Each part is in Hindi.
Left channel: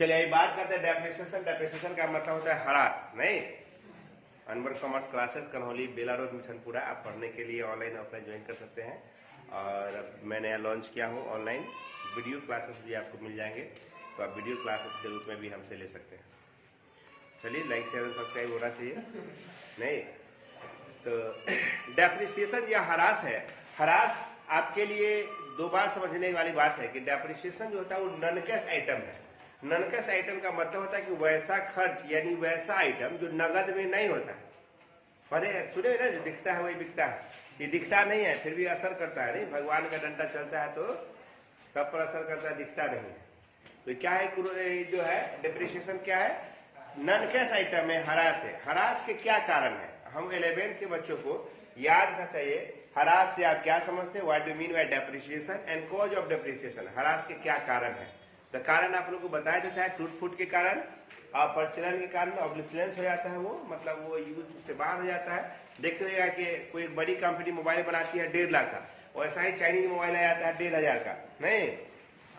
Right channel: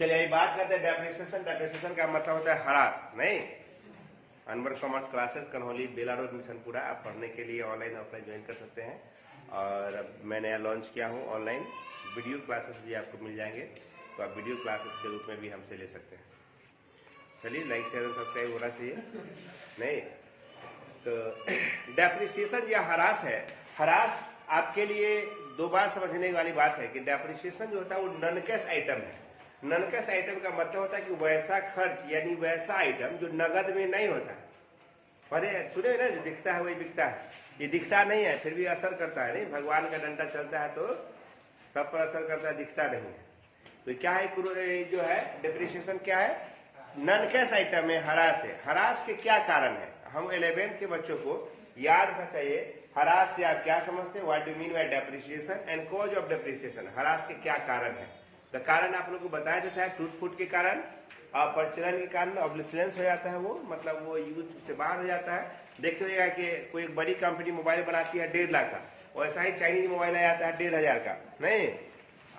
चलिए बात करते हैं डेप्रिसिएशन। डेप्रिसिएशन का मतलब होता है हरास। नहीं, अनवर कॉमर्स क्लासेस कन्हौली बेला रोड मिठनपुरा, आप पढ़ने के लिए ऑनलाइन ऑफलाइन ज्वाइन कर सकते हैं। और अब मैं नया लॉन्च किया हूँ ऑनलाइन वीडियो क्लासेस भी आपको मिल जाएंगे, तो आप वीडियो क्लासेस के रूप में भी हमसे ले सकते हैं। चलिए लाइक शेयर और सब्सक्राइब होना चाहिए। नहीं तो डेप्रिसिएशन या हरास है। हरास आपके लिए दो बार समझने वाली बात है कि डेप्रिसिएशन जो होता है वो नॉन कैश आइटम है। नॉन कैश आइटम का मतलब होता है कि वैसा खर्च यानी वैसा आइटम जो नगद में नहीं होता है। अरे सुने ना, जो दिखता है वही बिकता है। ये दिखता नहीं है फिर भी असर करता है। नहीं, भगवान का डंडा चलता है तो सब पर असर करता है, दिखता नहीं है। तो क्या है जो है डेप्रिसिएशन क्या है? नॉन कैश आइटम है, हरास है। हरास के क्या कारण है? हम 11th के बच्चों को याद रखना चाहिए हरास से आप क्या समझते हैं, what do mean by depreciation and cause of depreciation. Harass के क्या कारण है? तो कारण आप लोगों को बताया तो शायद टूट फूट के कारण, प्रचलन के कारण ऑब्लिसनेंस हो जाता है, वो मतलब वो यूज से बाहर हो जाता है। देखते हुए कि कोई बड़ी कंपनी मोबाइल बनाती है 1.5 लाख का, और ऐसा ही चाइनीज मोबाइल आ जाता है 1,500 का, नहीं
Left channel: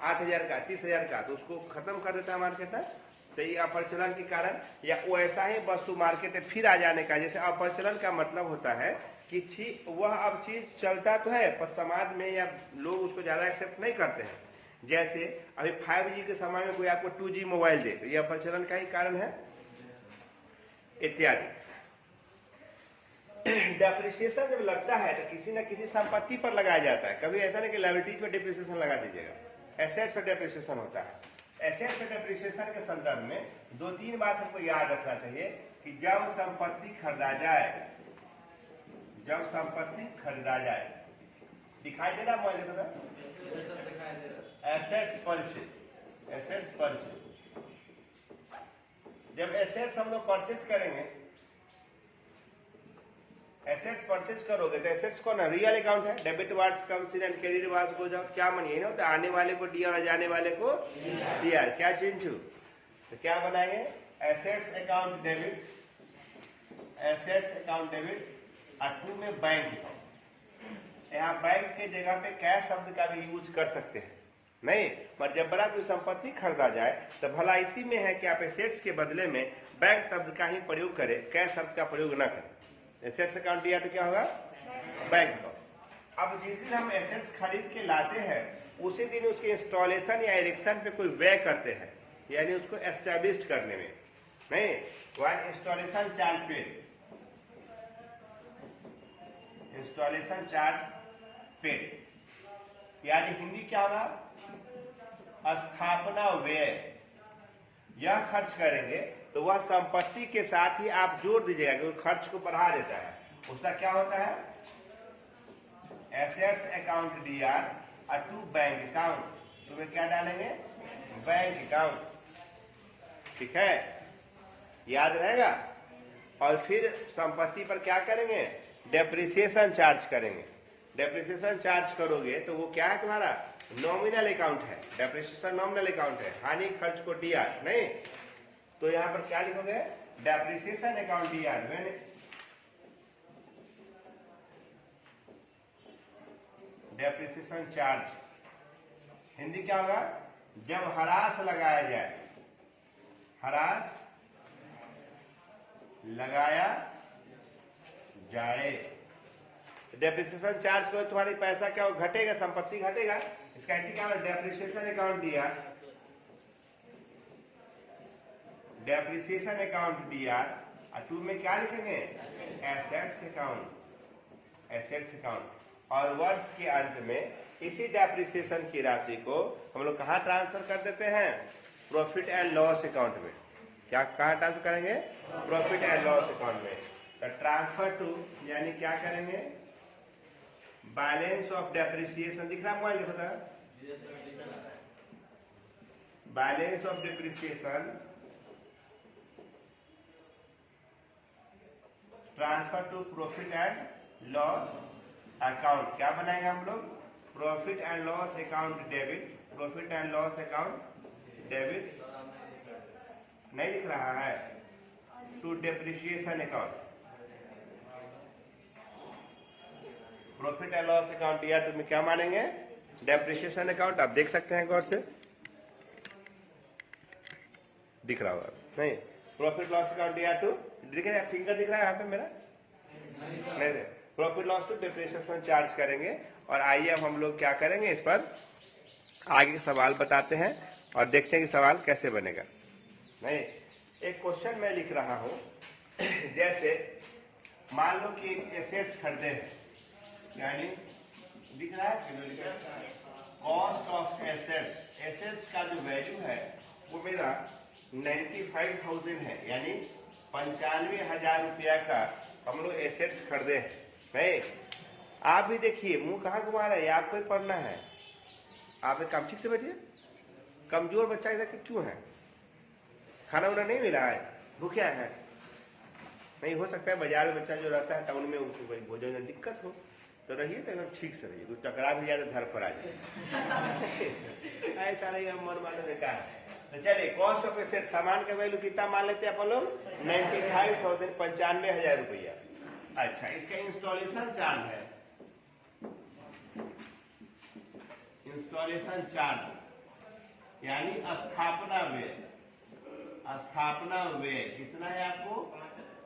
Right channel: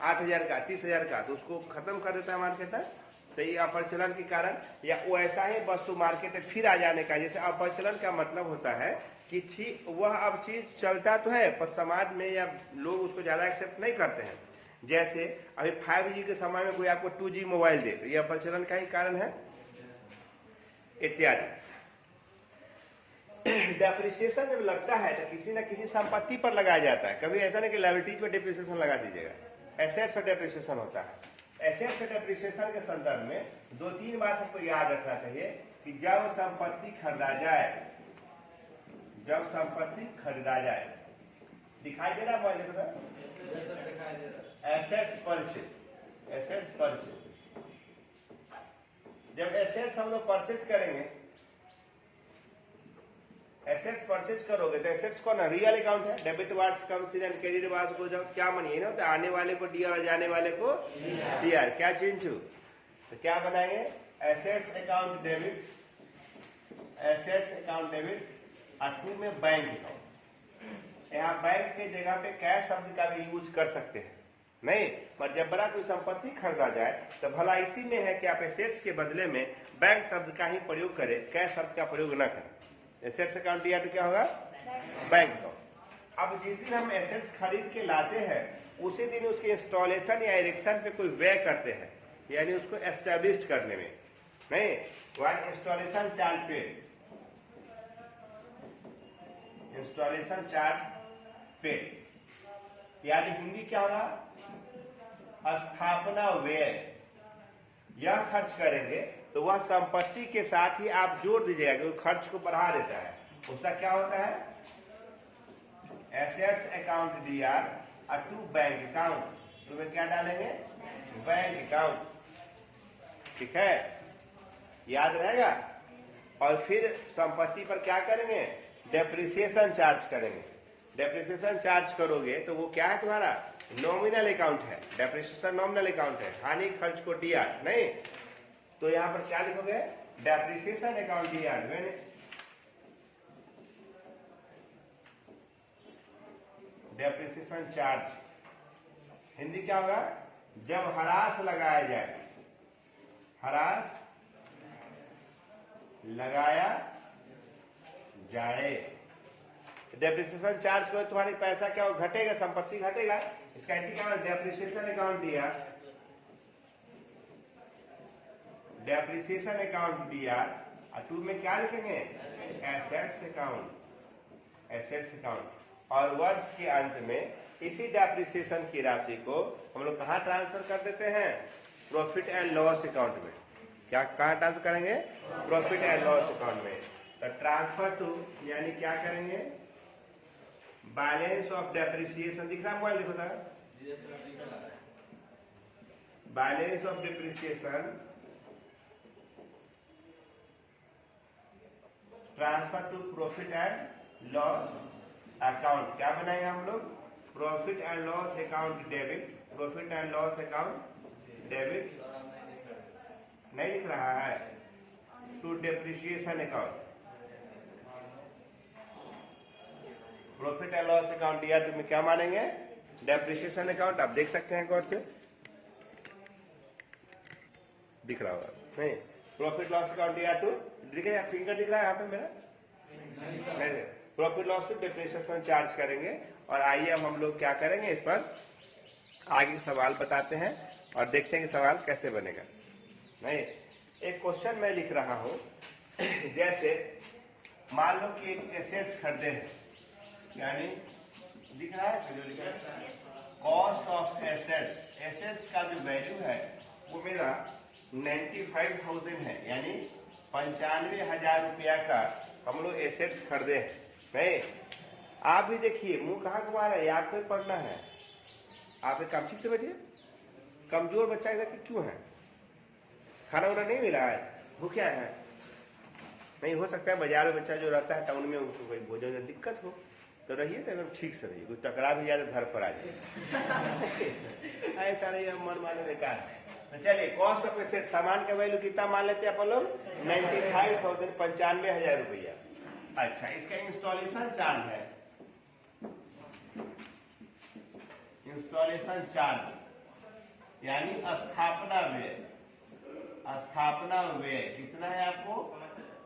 8,000 का, 30,000 का, तो उसको खत्म कर देता है मार्केट में। तो ये अप्रचलन के कारण, या वो ऐसा ही वस्तु मार्केट में फिर आ जाने का। जैसे अप्रचलन का मतलब होता है कि वह अब चीज चलता तो है पर समाज में या लोग उसको ज्यादा एक्सेप्ट नहीं करते हैं। जैसे अभी 5G के समय में कोई आपको 2G मोबाइल दे तो यह प्रचलन का ही कारण है, इत्यादि। डेप्रिसिएशन जब लगता है तो किसी न किसी संपत्ति पर लगाया जाता है। कभी ऐसा नहीं कि लायबिलिटीज में डेप्रिसिएशन लगा दीजिएगा, एसेट्स पर डेप्रिसिएशन होता है। एसेट्स पर डेप्रिसिएशन के संदर्भ में 2-3 बात हमको याद रखना चाहिए कि जब संपत्ति खरीदा जाए, जब संपत्ति खरीदा जाए, दिखाई दे रहा है मोबाइल को? Assets purchase, assets purchase. जब एसेट्स हम लोग परचेज करेंगे, एसेट्स परचेज करोगे तो एसेट्स कौन है? रियल अकाउंट है। Debit wards comes in and credit wards goes out. क्या मानिए ना, तो आने वाले को डीआर और जाने वाले को डीआर। क्या चेंज हो तो क्या बनाएंगे? Assets account debit, assets account debit, और 2 में बैंक अकाउंट। यहाँ बैंक के जगह पे कैश शब्द का भी यूज कर सकते हैं, नहीं, पर जब बड़ा कोई संपत्ति खरीदा जाए तो भला इसी में है कि आप एसेट्स के बदले में बैंक शब्द का ही प्रयोग करें, कैश शब्द का प्रयोग न करें। एसेट्स अकाउंट दिया तो क्या होगा? Bank account. अब जिस दिन हम एसेट्स खरीद के लाते हैं उसी दिन उसके इंस्टॉलेशन या इरेक्शन पे कोई व्यय करते हैं, यानी उसको एस्टेब्लिश करने में, नहीं, one installation charge paid, installation charge paid, यानी हिंदी क्या होगा? स्थापना व्यय। यह खर्च करेंगे तो वह संपत्ति के साथ ही आप जोड़ दीजिएगा क्योंकि खर्च को बढ़ा देता है। उसका क्या होता है? एसेट्स अकाउंट डीआर और 2 बैंक अकाउंट। तो वे क्या डालेंगे? Bank account. ठीक है, याद रहेगा। और फिर संपत्ति पर क्या करेंगे? डेप्रिसिएशन चार्ज करेंगे। डेप्रिसिएशन चार्ज करोगे तो वो क्या है? तुम्हारा नॉमिनल अकाउंट है। डेप्रिसिएशन नॉमिनल अकाउंट है, हानि खर्च को डीआर, नहीं, तो यहां पर क्या लिखोगे? Depreciation account DR when depreciation charge. Hindi क्या होगा? जब हरास लगाया जाए, हरास लगाया जाए। डेप्रिसिएशन चार्ज करो, तुम्हारी पैसा क्या हो? घटेगा, संपत्ति घटेगा। इसका क्या होगा? Depreciation account DR, depreciation account DR, और 2 में क्या लिखेंगे? Assets account, assets account. और वर्ष के अंत में इसी डेप्रिसिएशन की राशि को हम लोग कहाँ ट्रांसफर कर देते हैं? प्रॉफिट एंड लॉस अकाउंट में। क्या कहाँ ट्रांसफर करेंगे? प्रॉफिट एंड लॉस अकाउंट में। तो ट्रांसफर टू यानी क्या करेंगे? Balance of depreciation. दिख रहा है मोबाइल? देखो था, balance of depreciation transfer to profit and loss account. क्या बनाएंगे हम लोग? Profit and loss account debit, profit and loss account debit, नहीं दिख रहा है, to depreciation account, profit and loss account दिया तो में क्या मानेंगे? Depreciation account. आप देख सकते हैं गौर से, दिख रहा होगा नहीं? प्रॉफिट लॉस अकाउंट दिया टू, दिखेगा फिंगर दिख रहा है यहाँ पे मेरा? नहीं, profit loss to depreciation charge करेंगे। और आइए अब हम लोग क्या करेंगे, इस पर आगे सवाल बताते हैं और देखते हैं कि सवाल कैसे बनेगा। नहीं, एक क्वेश्चन मैं लिख रहा हूं जैसे मान लो कि एक एसेट्स खरीदे हैं, यानी दिख रहा है कॉस्ट ऑफ एसेट्स, एसेट्स का जो वैल्यू है वो मेरा 95,000 है, यानी 95,000 रुपया का हम लोग एसेट्स खरीदे हैं। नहीं, आप भी देखिए मुंह कहाँ घुमा रहे हैं, आपको ही पढ़ना है। आप काम ठीक से बैठिए, कमजोर बच्चा इधर क्यों है? खाना उना नहीं मिला है, भूखा है? नहीं, हो सकता है बाजार में बच्चा जो रहता है टाउन में उसको कोई भोजन में दिक्कत हो, तो रहिए तो एकदम ठीक से रहिए, कोई टकरा भी जाए तो घर पर आ जाए। ऐसा नहीं, हम मन माने बेकार है। तो चलिए, कॉस्ट ऑफ एसेट, सामान का वैल्यू कितना मान लेते हैं अपन लोग? 95,000, 95,000 रुपया। अच्छा, इसका इंस्टॉलेशन चार्ज है, इंस्टॉलेशन चार्ज यानी स्थापना व्यय, स्थापना व्यय कितना है आपको?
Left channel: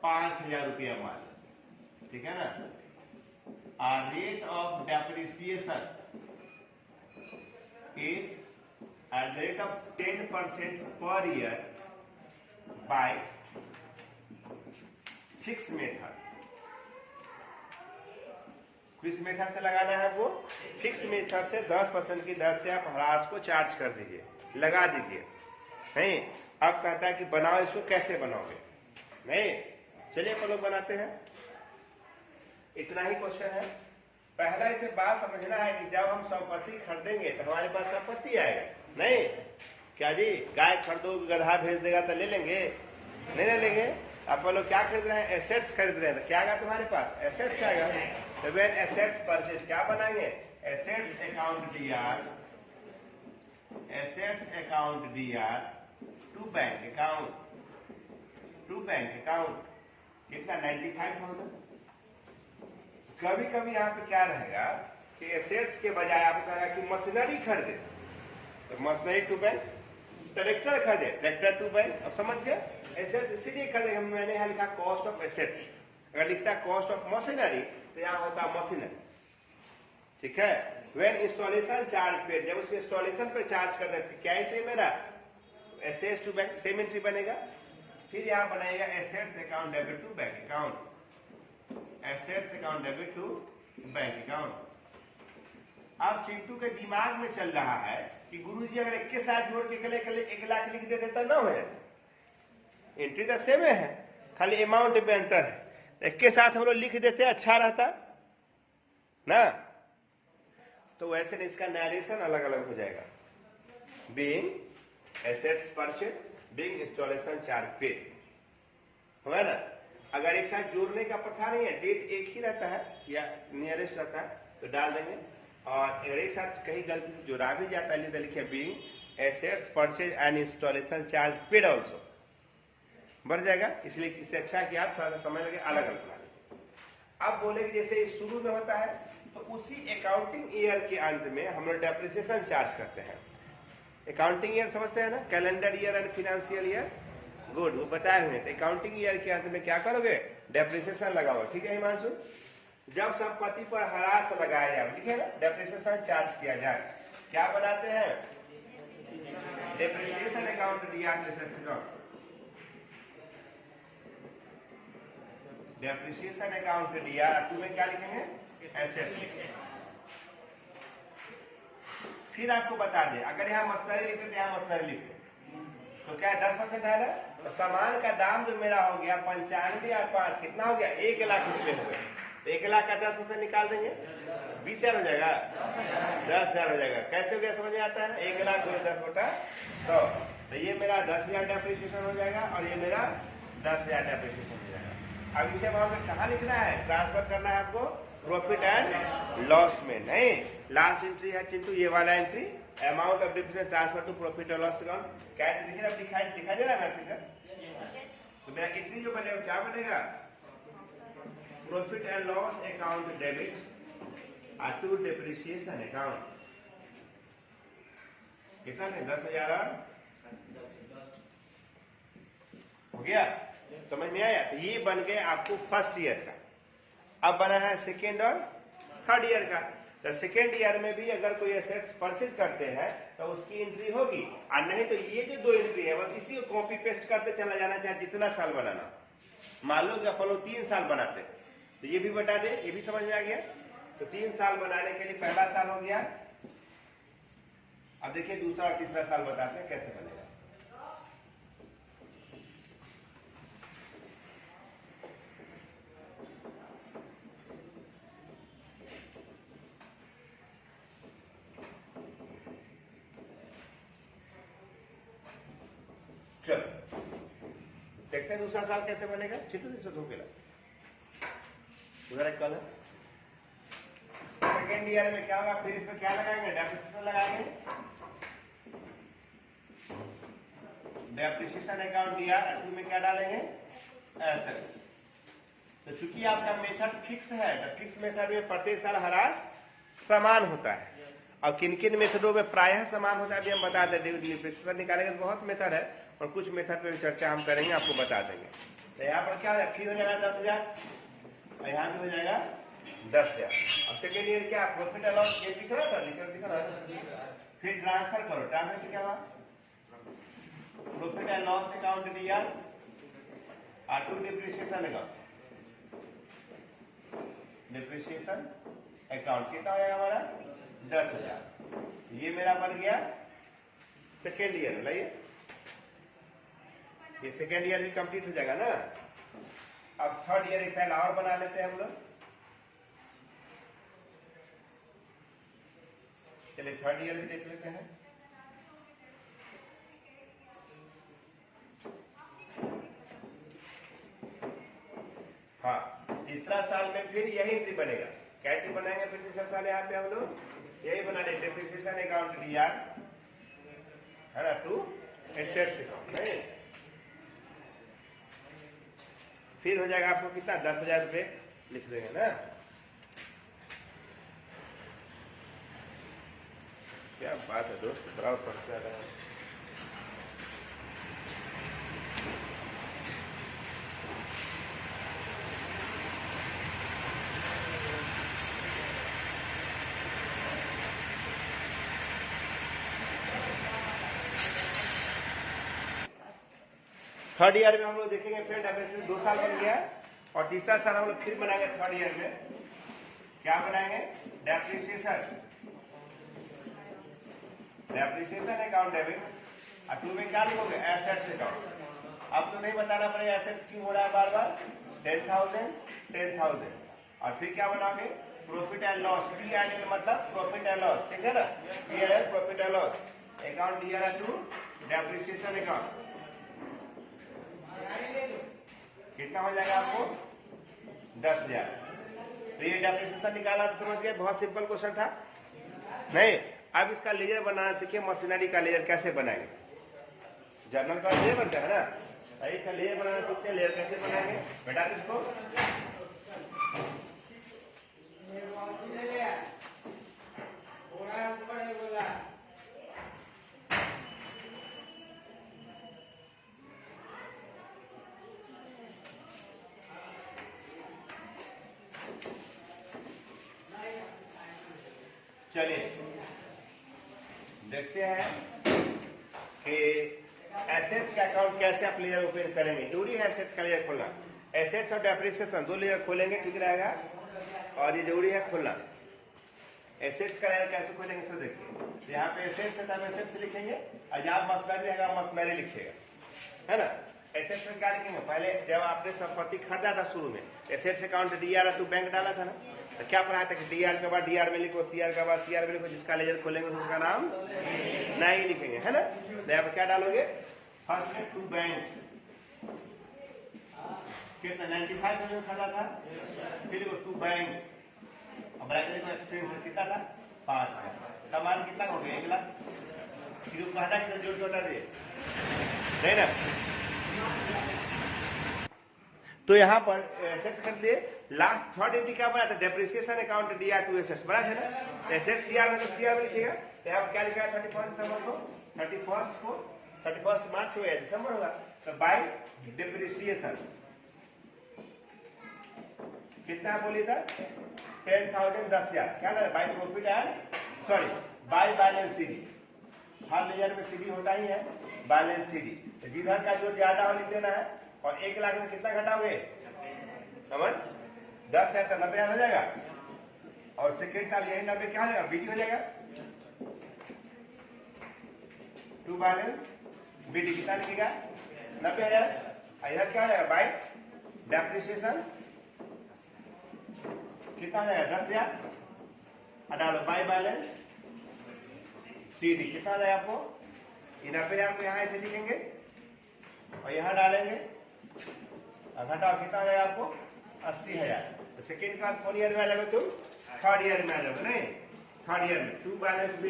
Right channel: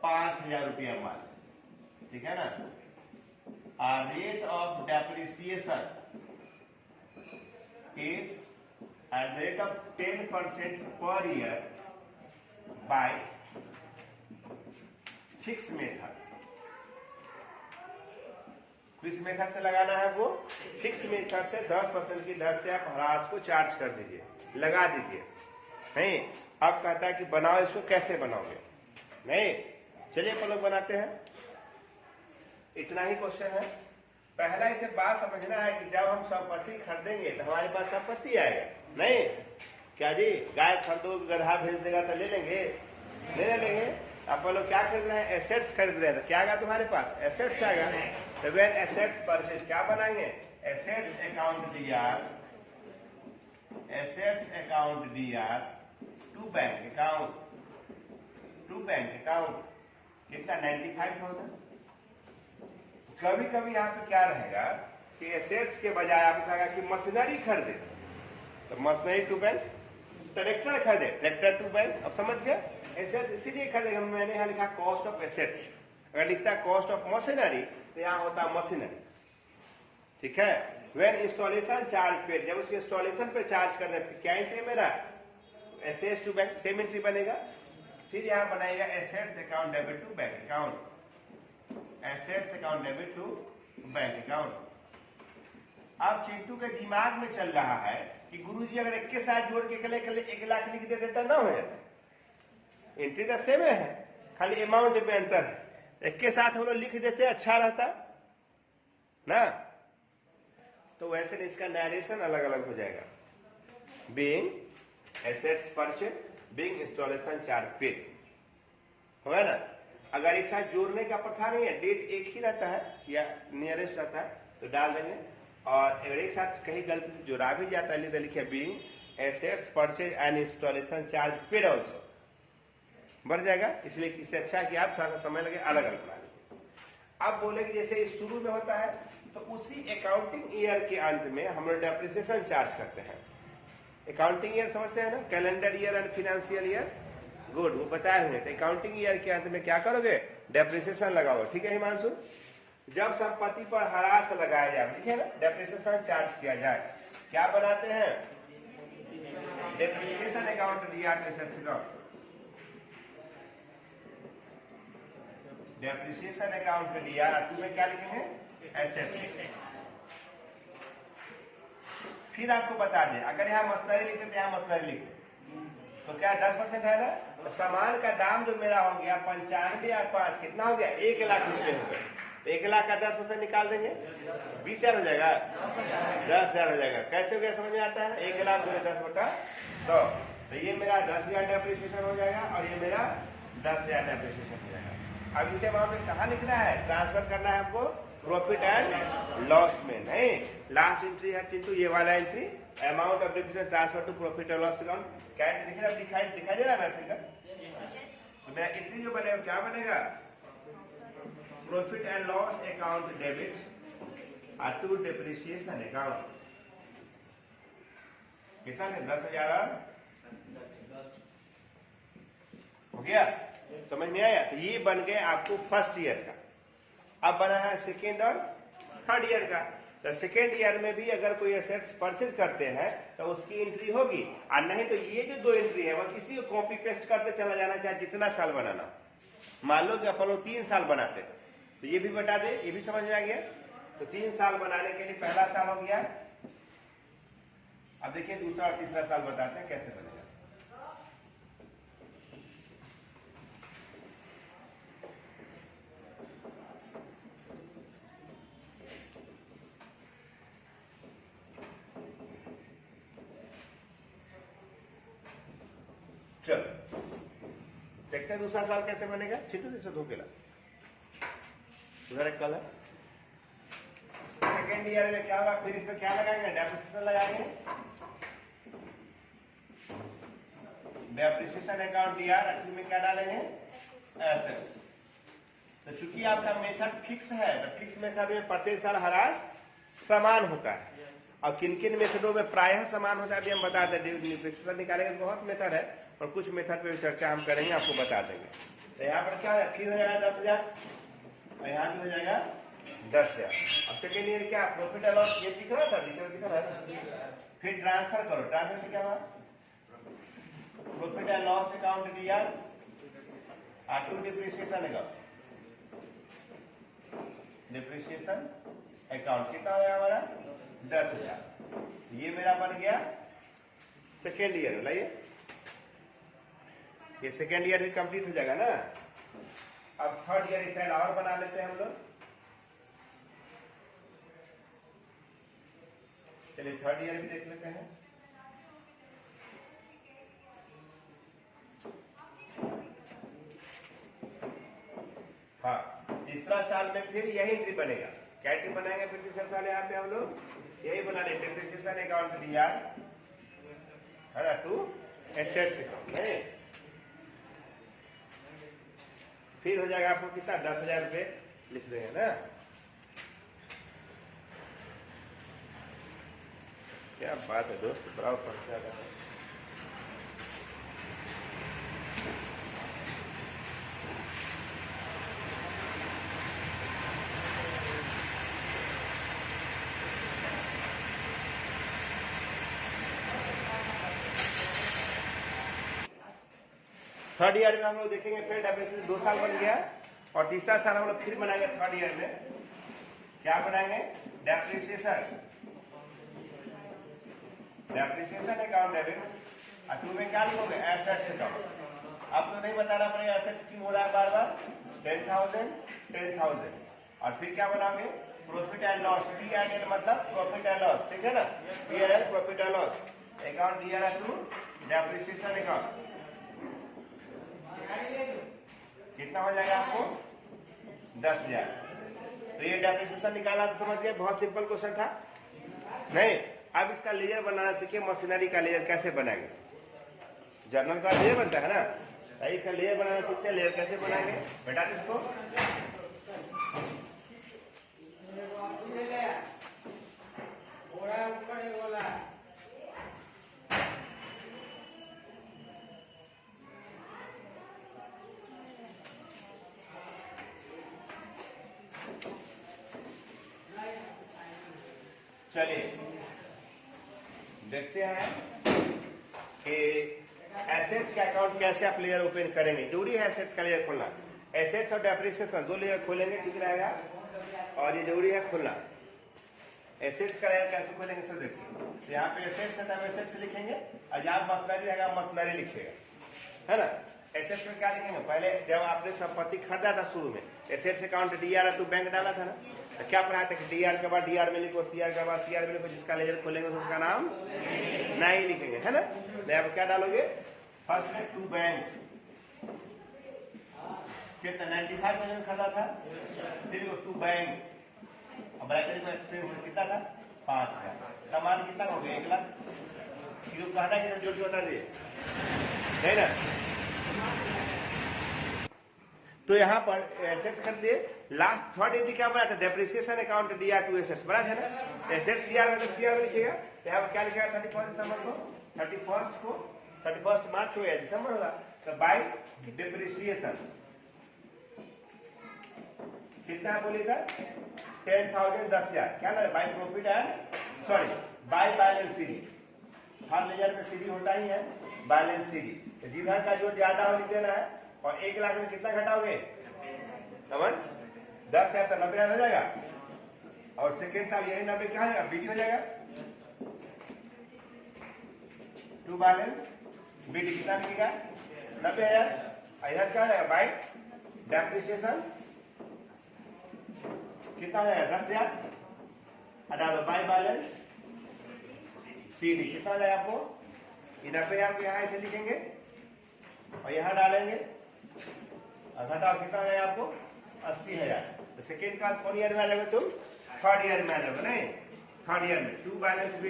5,000 रुपया मान, ठीक है ना? Rate of depreciation is at the rate of 10% per year by fixed method. किस मेथड से लगाना है? वो फिक्स मेथड से 10% की दर से आप ह्रास को चार्ज कर दीजिए, लगा दीजिए। नहीं, अब कहता है कि बनाओ, इसको कैसे बनाओगे? नहीं, चलिए अपन लोग बनाते हैं। इतना ही क्वेश्चन है। पहला इसे बात समझना है कि जब हम संपत्ति खरीदेंगे तो हमारे पास संपत्ति आएगा। नहीं क्या जी, गाय खरीदो, गधा भेज देगा तो ले लेंगे? ले लेंगे। अपन लोग क्या खरीद रहे हैं? एसेट्स खरीद रहे हैं, तो क्या आएगा तुम्हारे पास? एसेट्स आएगा। तो व्हेन एसेट्स परचेज क्या बनाएंगे? Assets account DR, assets account DR to bank account, to bank account कितना? 95,000। कभी कभी यहाँ पे क्या रहेगा कि एसेट्स के बजाय आपको कहेगा कि मशीनरी खरीदे, तो मशीनरी टू बैंक, ट्रैक्टर खरीदे, ट्रैक्टर टू बैंक। अब समझ गए? एसेट्स इसीलिए खरीदे, मैंने यहाँ लिखा कॉस्ट ऑफ एसेट्स। अगर लिखता कॉस्ट ऑफ मशीनरी तो यहाँ होता मशीनरी, ठीक है? व्हेन इंस्टॉलेशन चार्ज पे, जब उसके इंस्टॉलेशन पे चार्ज कर रहे हैं, क्या एंट्री मेरा? Assets to bank, same entry बनेगा। फिर यहाँ बनाएगा assets account debit to bank account, assets account debit to bank account. अब चिंटू के दिमाग में चल रहा है कि गुरुजी अगर एक के साथ जोड़ के 1,00,000 लिख देते तो ना हो जाए। एंट्री तो सेम है, खाली अमाउंट पे अंतर है। एक के साथ हम लोग लिख देते अच्छा रहता ना, तो वैसे इसका नरेशन अलग अलग हो जाएगा। Being assets purchase, being installation charge paid, होगा ना? अगर एक साथ जोड़ने का प्रथा नहीं है, डेट एक ही रहता है या नियरेस्ट रहता है तो डाल देंगे। और अगर एक साथ कहीं गलती से जोड़ा भी जाता है तो लिखिए being assets purchase and installation charge paid also, बढ़ जाएगा। इसलिए इससे अच्छा है कि आप थोड़ा सा समय लगे अलग अलग बना लीजिए। अब बोले कि जैसे शुरू में होता है तो उसी अकाउंटिंग ईयर के अंत में हम लोग डेप्रिसिएशन चार्ज करते हैं। अकाउंटिंग ईयर समझते हैं ना, calendar year and financial year, good, वो बताए हुए। तो अकाउंटिंग ईयर के अंत में क्या करोगे? डेप्रिसिएशन लगाओ, ठीक है हिमांशु? जब संपत्ति पर ह्रास लगाया जाए, ठीक है ना, डेप्रिसिएशन चार्ज किया जाए, क्या बनाते हैं? डेप्रिसिएशन अकाउंट दिया, डेप्रिसिएशन अकाउंट दिया, तुम्हें क्या लिखेंगे? एसेट्स। फिर आपको बता दें, अगर यहाँ मशीनरी लिखे तो यहाँ मशीनरी लिखे, तो क्या 10% है ना? तो सामान का दाम जो मेरा हो गया 95 और 5 कितना हो गया? 1,00,000 रुपये हो गया। 1,00,000 का 10% निकाल देंगे, 20,000 हो जाएगा, 10,000 हो जाएगा। कैसे हो गया समझ में आता है? 1,00,000 गुणे 10/100, तो ये मेरा 10,000 डेप्रिसिएशन हो जाएगा और ये मेरा 10,000 डेप्रिसिएशन हो जाएगा। अब इसे वहां पे कहाँ लिखना है? ट्रांसफर करना है आपको प्रॉफिट एंड लॉस में। नहीं, लास्ट एंट्री है चिंटू ये वाला entry, amount of depreciation transfer to profit और लॉस अकाउंट। क्या देखिए अब दिखाई दे रहा है फिगर? तो मेरा एंट्री जो बनेगा क्या बनेगा? Profit and loss account debit to depreciation account. कितना है? 10,000 और गया, समझ में आया? तो ये बन गया आपको फर्स्ट ईयर का। अब बना है सेकेंड और थर्ड ईयर का। तो सेकेंड ईयर में भी अगर कोई एसेट्स परचेज करते हैं तो उसकी एंट्री होगी, और नहीं तो ये जो 2 एंट्री है बस इसी को कॉपी पेस्ट करते चला जाना, चाहे कितना साल बनाना। मान लो कि अपन लोग 3 साल बनाते तो ये भी बता दे, ये भी समझ में आ गया। तो 3 साल बनाने के लिए पहला साल हो गया। अब देखिए दूसरा और तीसरा साल बताते हैं कैसे बनेगा। चलो देखते हैं दूसरा साल कैसे बनेगा। छिटू से धोके ला कल। सेकेंड ईयर में क्या होगा, फिर इसमें क्या लगाएंगे, डेप्रिसिएशन लगाएंगे। डेप्रिसिएशन अकाउंट दिया, में क्या डालेंगे, एसेट्स। तो चूंकि आपका मेथड फिक्स है तो फिक्स मेथड में प्रत्येक साल ह्रास समान होता है, और किन किन मेथडों में प्रायः समान होता है भी हम बता देंगे। डेप्रिसिएशन निकालेंगे तो बहुत मेथड है, और कुछ मेथड पे चर्चा हम करेंगे, आपको बता देंगे। तो यहाँ पर क्या है, फिर हो जाएगा 10,000, और यहाँ भी हो जाएगा 10,000। अब सेकेंड ईयर क्या, प्रॉफिट एंड लॉस ये दिख रहा था, दिख रहा है। फिर ट्रांसफर करो, ट्रांसफर क्या हुआ, प्रॉफिट एंड लॉस अकाउंट दिया और to depreciation account. Depreciation account कितना हो जाएगा हमारा, 10,000। ये मेरा बन गया सेकेंड ईयर। लाइए ये सेकेंड ईयर भी कंप्लीट हो जाएगा ना। अब थर्ड ईयर एक साइड और बना लेते हैं हम लोग। चलिए थर्ड ईयर भी देख लेते हैं। हाँ, तीसरा साल में फिर यही एंट्री बनेगा। क्या एंट्री बनाएंगे फिर तीसरा साल, यहाँ पे हम लोग यही बना रहे, डिप्रिसिएशन अकाउंट दिया है ना, टू एसेट्स अकाउंट। नहीं, फिर हो जाएगा आपको कितना, 10,000 रुपये लिख लेंगे ना। क्या बात है दोस्त, बराबर पढ़ के आ रहा है। थर्ड ईयर में हम लोग देखेंगे फिर डेप्रिसिएशन 2 साल बन गया, और तीसरा साल हम लोग फिर बनाएंगे थर्ड ईयर में। क्या बनाएंगे, डेप्रिसिएशन अकाउंट डेबिट, और टू में क्या लिखोगे, एसेट्स अकाउंट। अब तो नहीं बताना पड़ेगा एसेट्स क्यों हो रहा है बार बार, 10,000। और फिर क्या बनाओगे, प्रॉफिट एंड लॉस, PNL मतलब प्रॉफिट एंड लॉस, ठीक है ना। PNL profit and loss account दिया है टू डेप्रिसिएशन अकाउंट। कितना हो जाएगा आपको, 10,000। तो ये डेप्रिसिएशन निकाला, समझ गए, बहुत सिंपल क्वेश्चन था। नहीं, अब इसका लेयर बनाना सीखे, मशीनरी का लेयर कैसे बनाएंगे। जर्नल का लेयर बनता है ना, इसका लेयर बनाना सीखते हैं। लेयर कैसे बनाएंगे बेटा, इसको चलिए देखते हैं कि एसेट्स का अकाउंट कैसे आप लेयर ओपन करेंगे। जरूरी है एसेट्स का लेयर खोलना। एसेट्स और डेप्रिसिएशन 2 लेयर खोलेंगे, ठीक रहेगा, और ये जरूरी है खोलना। एसेट्स का लेयर कैसे खोलेंगे सर, देखिए तो यहाँ पे एसेट्स है तो हम एसेट्स लिखेंगे, और जहाँ मशीनरी रहेगा मशीनरी लिखिएगा, है ना। एसेट्स में क्या लिखेंगे, पहले जब आपने संपत्ति खरीदा था शुरू में, assets account DRR to bank डाला था ना, तो क्या पढ़ाया था कि DR के बाद DR में लिखो, CR के बाद CR में लिखो, जिसका लेजर खोलेंगे उसका नाम नहीं लिखेंगे, है ना। तो यहाँ पर क्या डालोगे, फर्स्ट है टू बैंक, कितना 95,000 खाता था, फिर वो टू बैंक, अब ब्रैकेट में एक्सपेंस कितना था, 5,000। सामान कितना हो गया, 1 लाख। फिर कहता है जोड़ के बता दिए, नहीं ना। तो यहाँ पर एसेट्स कर दिए। लास्ट थर्ड एंट्री क्या बना था, depreciation account DR to assets बना है ना। एसेट्स CR में CR में लिखिएगा, तो यहाँ पर क्या लिखा है, 31 दिसंबर को, 31 मार्च हो या दिसंबर होगा, तो बाई डिप्रिसिएशन कितना बोली था 10,000 10,000 क्या ना by profit and sorry by balance CD हर लेजर में सीडी होता ही है बैलेंस सीडी तो जिधर का जो ज्यादा हो लिख देना है और 1 लाख में कितना घटाओगे समझ 10,000 तो 90,000 हो जाएगा और सेकेंड साल यही 90 क्या हो जाएगा बीडी हो जाएगा टू बैलेंस बीडी कितना लिखेगा 90,000 इधर क्या हो जाएगा बाई डेप्रिसिएशन कितना हो जाएगा 10,000 डालो बाई बैलेंस सीडी कितना हो जाएगा आपको 90,000 को यहाँ ऐसे लिखेंगे और यहाँ डालेंगे और घटाओ कितना हो जाएगा आपको 80,000 तो सेकेंड का कौन ईयर में आ जाओगे तुम थर्ड ईयर में आ जाओगे नहीं थर्ड ईयर में टू बैलेंस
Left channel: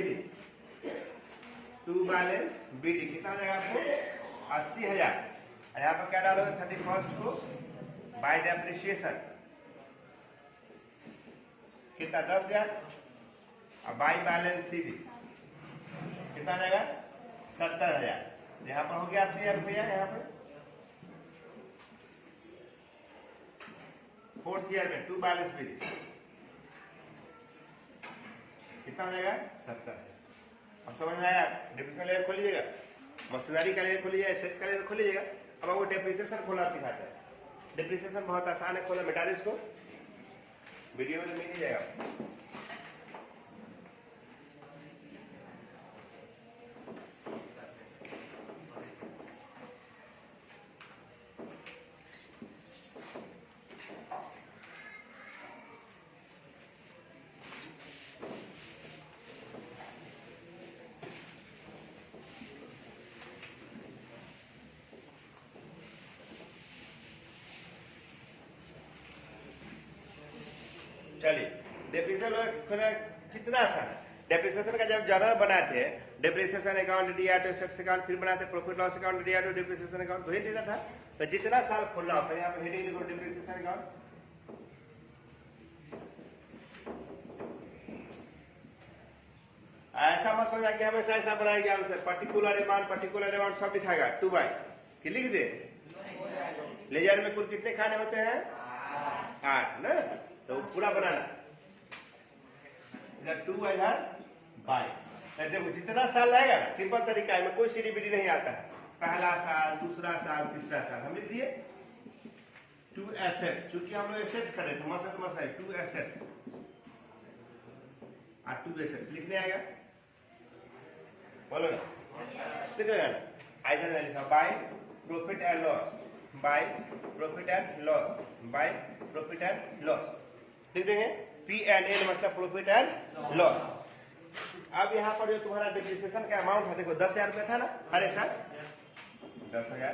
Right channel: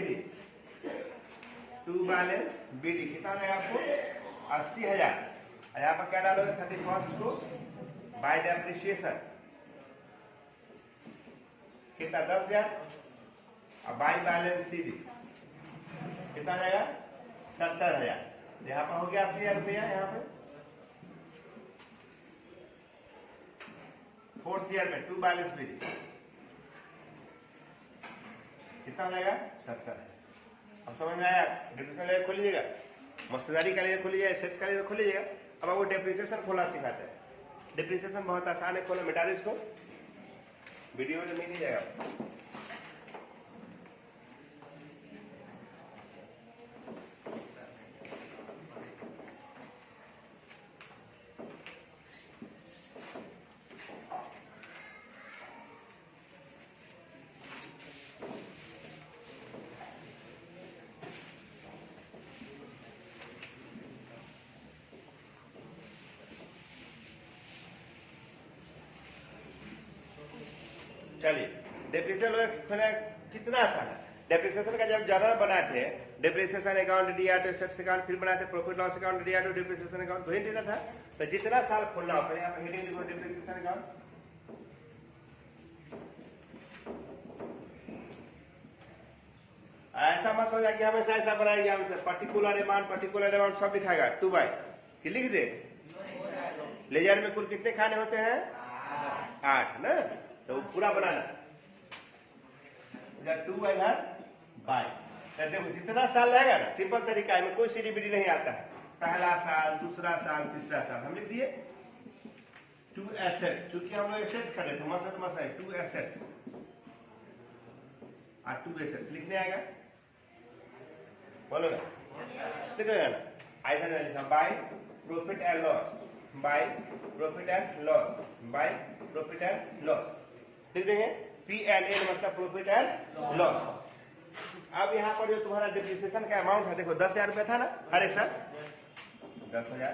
बीडी कितना हो जाएगा आपको 80,000 और यहाँ पर क्या डालोगे 31st को बाय डेप्रिसिएशन कितना 10,000 और बाई बैलेंस सीडी कितना आ जाएगा 70,000 यहाँ पर हो गया 80,000 रुपया यहाँ पर फोर्थ ईयर में टू बैलेंस बीडी कितना हो जाएगा 70,000 अब समझ में आया डिप्रिसिएशन लेयर खोल लीजिएगा मशीनरी का लेयर खोलिएगा एसेट्स का लेयर खोल लीजिएगा अब वो डेप्रिसिएशन खोलना सिखाते हैं डिप्रिसिएशन बहुत आसान है खोलना मिटा दो इसको वीडियो में मिल ही जाएगा चलिए डेप्रिसिएशन कितना आसान है डेप्रिसिएशन का जब जर्नल बनाते हैं डेप्रिसिएशन अकाउंट दिया तो एसेट्स अकाउंट फिर बनाते प्रॉफिट लॉस अकाउंट दिया तो डेप्रिसिएशन अकाउंट वही देना था तो जितना साल खोलना होता है यहाँ पे हेडिंग लिखो डेप्रिसिएशन अकाउंट ऐसा मत सोचा कि हमेशा ऐसा बनाएंगे पर्टिकुलर अमाउंट सब लिखाएगा 2 बाय कि लिख दे लेजर में कुल कितने खाने होते हैं 8 ना तो पूरा बनाना इधर 2 इधर बाय देखो जितना साल रहेगा ना सिंपल तरीका है कोई सीडीबीडी नहीं आता है पहला साल दूसरा साल तीसरा साल हम लिख दिए 2 एसेट्स क्योंकि हम लोग एसेट्स कर रहे थे मसला है 2 एसेट्स और 2 एसेट्स लिखने आएगा बोलो ना देखो यार इधर में लिखा by profit and loss by profit and loss by profit and loss लिख देंगे P&L मतलब प्रॉफिट एंड लॉस अब यहाँ पर जो तुम्हारा डिप्रिसिएशन का अमाउंट है देखो 10,000 रुपया था ना हर एक साल 10,000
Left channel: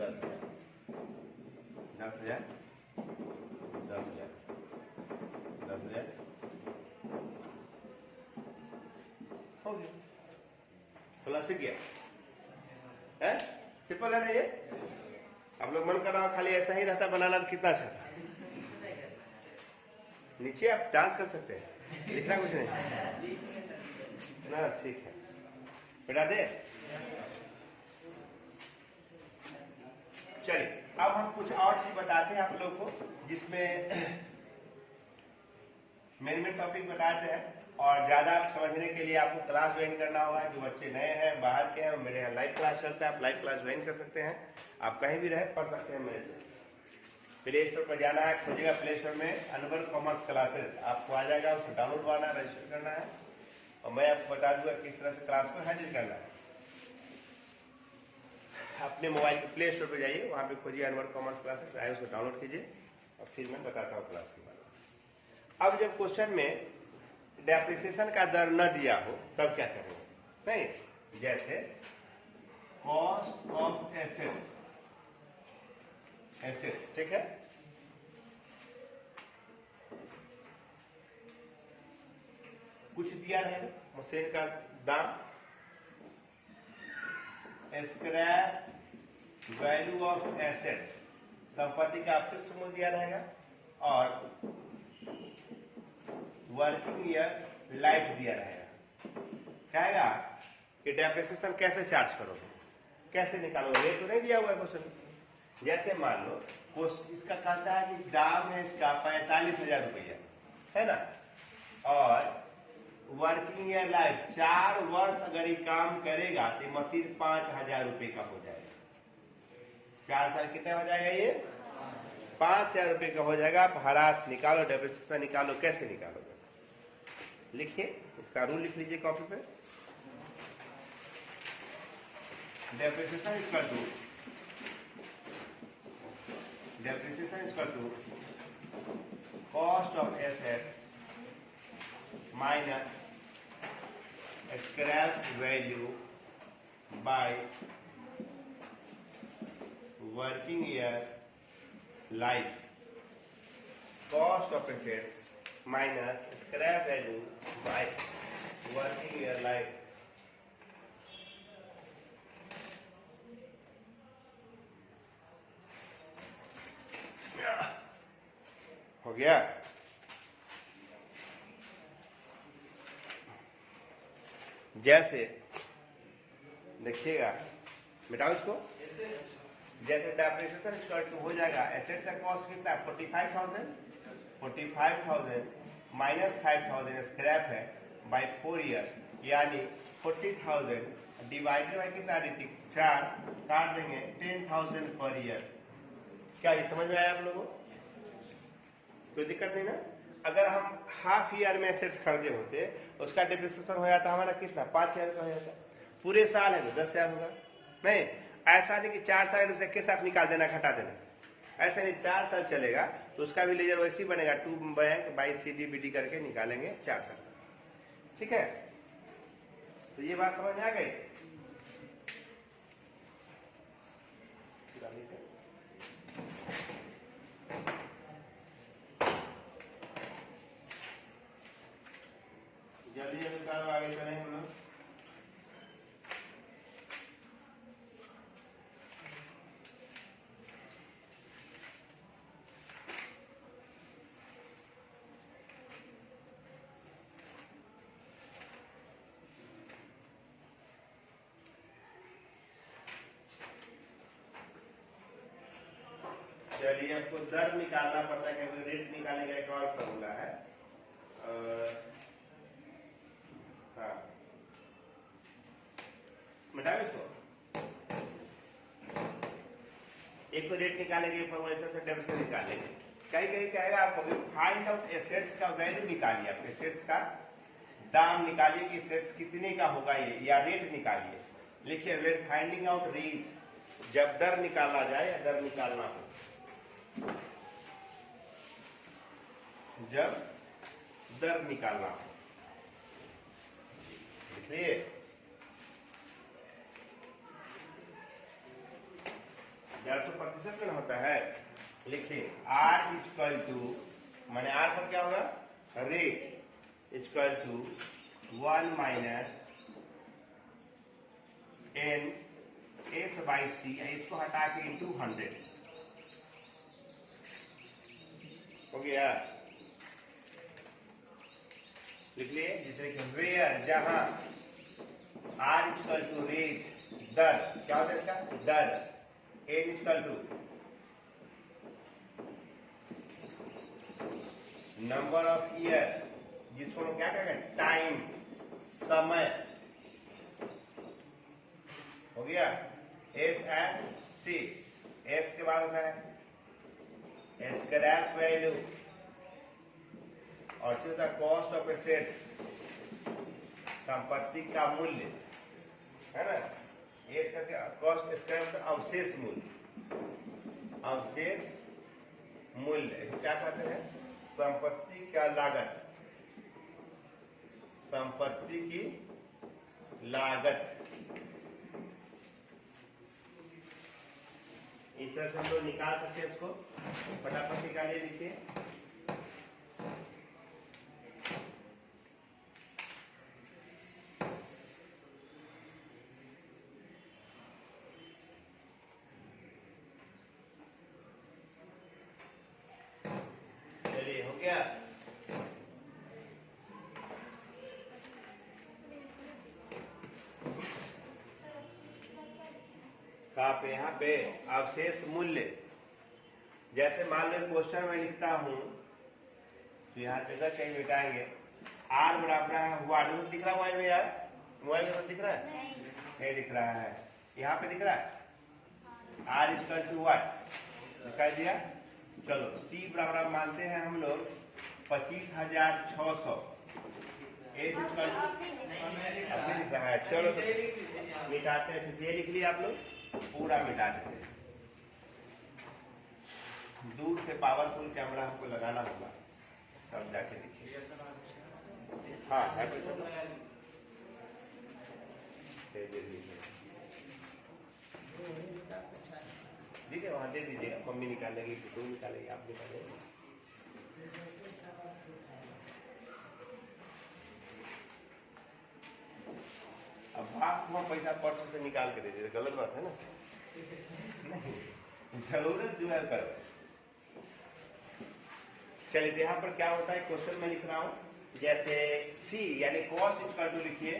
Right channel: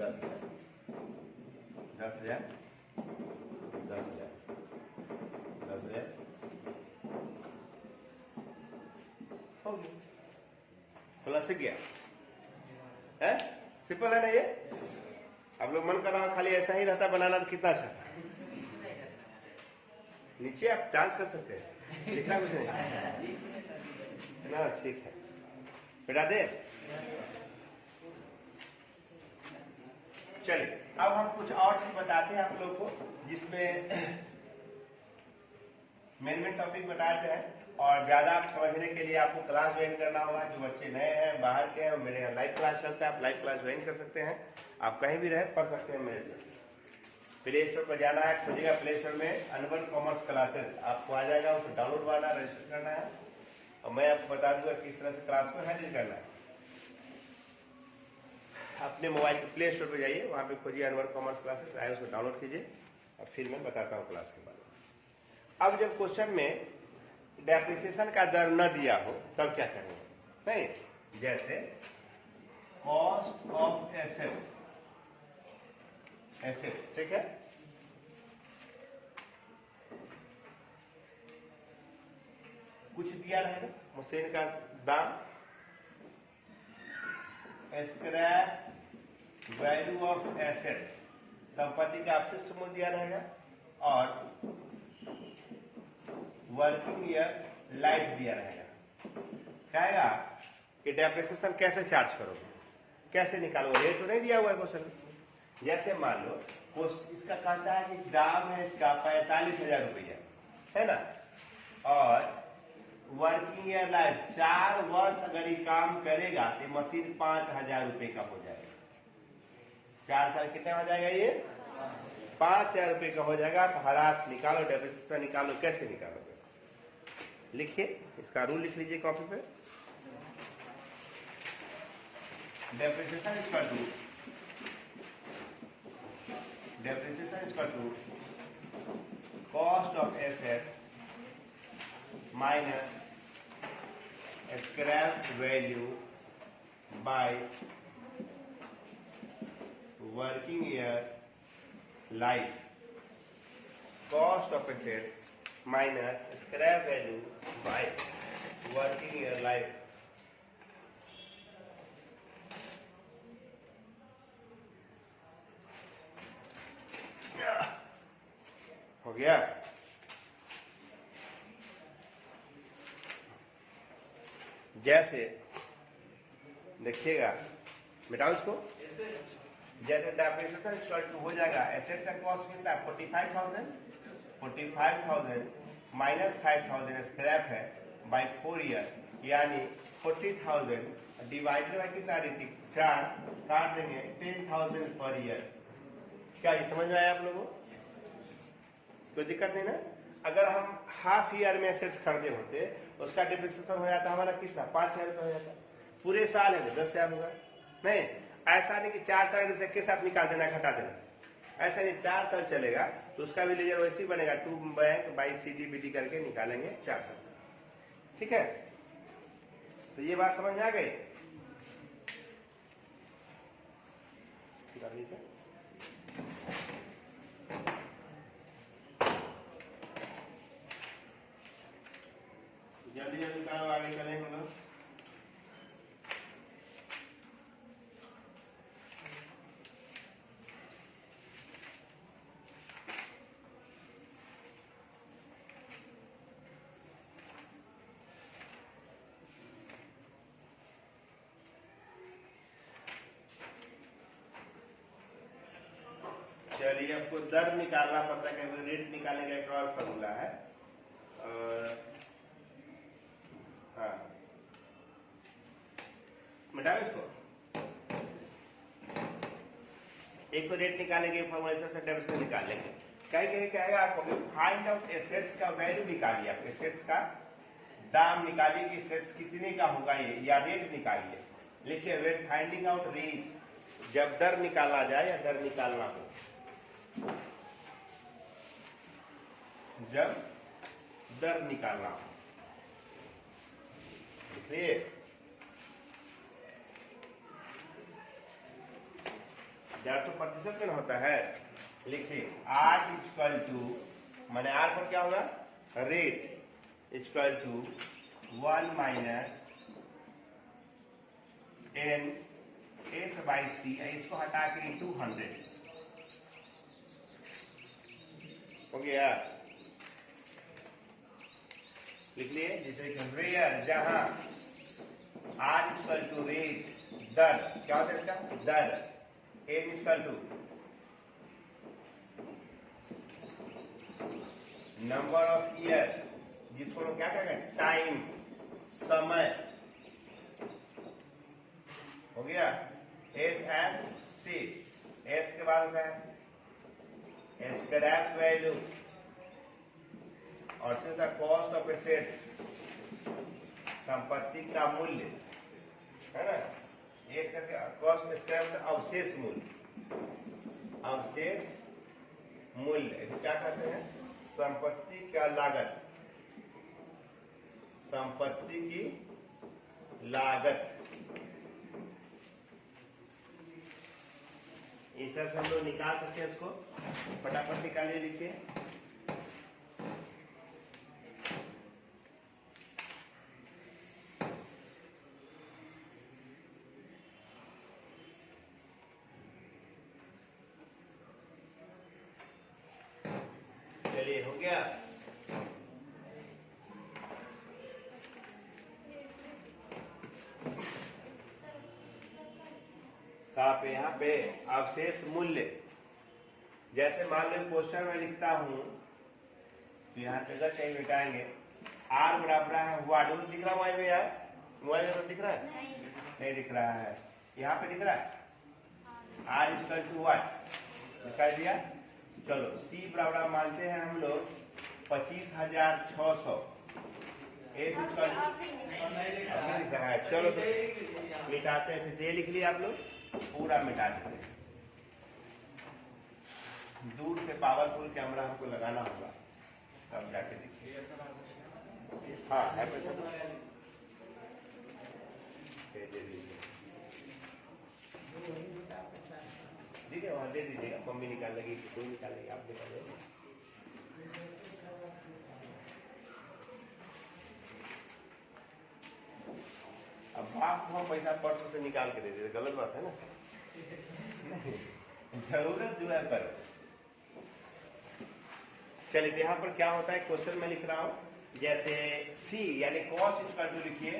10,000 10,000 10,000 10,000 हो गया खुला सीख गया है सिंपल है ना ये आप लोग मन कर रहा खाली ऐसा ही रहता बनाना तो कितना अच्छा था नीचे आप डांस कर सकते हैं लिखना कुछ नहीं ना ठीक है बेटा दे चलिए अब हम कुछ और चीज बताते हैं आप लोग को जिसमें मैनेजमेंट टॉपिक बताते हैं और ज्यादा समझने के लिए आपको क्लास ज्वाइन करना होगा जो बच्चे नए हैं बाहर के हैं मेरे यहाँ लाइव क्लास चलता है आप लाइव क्लास ज्वाइन कर सकते हैं आप कहीं भी रहे पढ़ सकते हैं मेरे से प्ले स्टोर पर जाना है खोजिएगा प्ले स्टोर में अनवर कॉमर्स क्लासेस आपको आ जाएगा उसको डाउनलोड करना रजिस्टर करना है और मैं आपको बता दूंगा किस तरह से क्लास को हैंडल करना है अपने मोबाइल के प्ले स्टोर पर जाइए वहां पे खोजिए अनवर कॉमर्स क्लासेस आए उसको डाउनलोड कीजिए और फिर मैं बताता हूँ क्लास के बारे में अब जब क्वेश्चन में डेप्रिसिएशन का दर न दिया हो तब क्या करेंगे नहीं जैसे कॉस्ट ऑफ एसेट्स ठीक है कुछ दिया रहेगा मशीन का दाम स्क्रैप वैल्यू ऑफ एसेट्स संपत्ति का अवशिष्ट मूल्य दिया रहेगा और वर्किंग ईयर लाइफ दिया रहेगा कहेगा कि डेप्रिसिएशन कैसे चार्ज करोगे कैसे निकालोगे? रेट तो नहीं दिया हुआ है क्वेश्चन। जैसे मान लो इसका कहता है कि दाम है इसका 45,000 रुपया, है ना, और वर्किंग ईयर लाइफ 4 वर्ष अगर ये काम करेगा तो मशीन 5,000 रुपए का हो जाएगा। 4 साल कितना हो जाएगा? ये 5,000 रुपए का हो जाएगा। आप हरास निकालो, डेप्रिसिएशन निकालो, कैसे निकालोगे? लिखिए, इसका रूल लिख लीजिए कॉपी पे। Depreciation equal to cost of assets minus scrap value by working year life. Cost of assets minus scrap value by working year life. हो गया? जैसे देखिएगा, मिटाओ इसको। जैसे डेप्रिसिएशन इक्वल टू हो जाएगा एसेट्स का कॉस्ट कितना? 45,000 माइनस 5,000 स्क्रैप है बाय 4 ईयर, यानी 40,000 डिवाइडेड बाय कितना देती? 4, काट देंगे 10,000 पर ईयर। क्या ये समझ में आया आप लोगों को? कोई दिक्कत नहीं ना? अगर हम हाफ ईयर में एसेट्स खरीदे होते, उसका डेप्रिसिएशन हो जाता हमारा कितना? 5,000 रुपया हो जाता। पूरे साल है तो 10,000 होगा। नहीं, ऐसा नहीं कि 4 साल उसे के साथ निकाल देना, घटा देना, ऐसा नहीं। 4 साल चलेगा तो उसका भी लेजर वैसे ही बनेगा, 2 बैंक बाई CDBD करके निकालेंगे 4 साल। ठीक है? तो ये बात समझ में आ गई? जल्दी जल्दी काम आगे चलेंगे लोग। चलिए, आपको दर निकालना पड़ता है, क्योंकि रेट निकालने का एक और फॉर्मूला है। और हाँ, मिटाओ इसको। एक तो रेट निकालेंगे, फॉर्मूला से डेबिट निकालेंगे। कहीं कहीं कहेगा आपको फाइंड आउट एसेट्स का वैल्यू निकालिए, आप एसेट्स का दाम निकालिए कि एसेट्स कितने का होगा ये, या रेट निकालिए। लिखिए, वेन फाइंडिंग आउट रेट, जब दर निकाला जाए या दर निकालना हो, जब दर निकालना हो। देखिए, जब तो प्रतिशत में होता है, लिखिए R इक्वल टू, माने R का क्या होगा? Rate equal to 1 minus N S by C, इसको हटा के इंटू 100 हो गया। लिख लिए, जिसे वेयर, जहां R इक्वल टू रेट, दर, क्या होता है इसका? दर। N equal to number of year, जिसको लोग क्या कहेंगे? टाइम, समय। हो गया। S एंड C, S के बाद होता है स्क्रैप वैल्यू, और फिर होता है कॉस्ट ऑफ एसेट्स, संपत्ति का मूल्य, है ना। ये कॉस्ट स्क्रैप अवशेष मूल्य, अवशेष मूल्य क्या कहते हैं? संपत्ति का लागत, संपत्ति की लागत। इस तरह से हम लोग निकाल सकते हैं इसको। फटाफट निकालिए, लिखिए। चलिए, हो गया। कहाँ पे? यहाँ पे अवशेष मूल्य। जैसे मान लो क्वेश्चन में लिखता हूं तो यहाँ पे कहीं मिटाएंगे r बराबर है व्हाट। दिख रहा है मोबाइल में यार? मोबाइल में तो दिख रहा है? नहीं दिख रहा है। यहाँ पे दिख रहा है r इक्वल टू व्हाट दिखाई दिया। चलो c बराबर मानते हैं हम लोग 25,600। एस इक्वल टू दिख रहा है। चलो तो मिटाते हैं। फिर ये लिख लिया आप लोग, पूरा मिटा देते हैं। दूर से पावरफुल कैमरा हमको लगाना होगा तब जाके देखिए। हाँ है ठीक है, वहाँ दे दीजिएगा। मम्मी निकालेगी, कोई निकालेगी, आप निकालेंगे। अब बाप को हम पैसा पर्स से निकाल के दे दीजिए, गलत बात है ना? नहीं, जरूरत जो है करो। चलिए यहाँ पर क्या होता है, क्वेश्चन में लिख रहा हूं जैसे C यानी कॉस्ट इक्वल टू लिखिए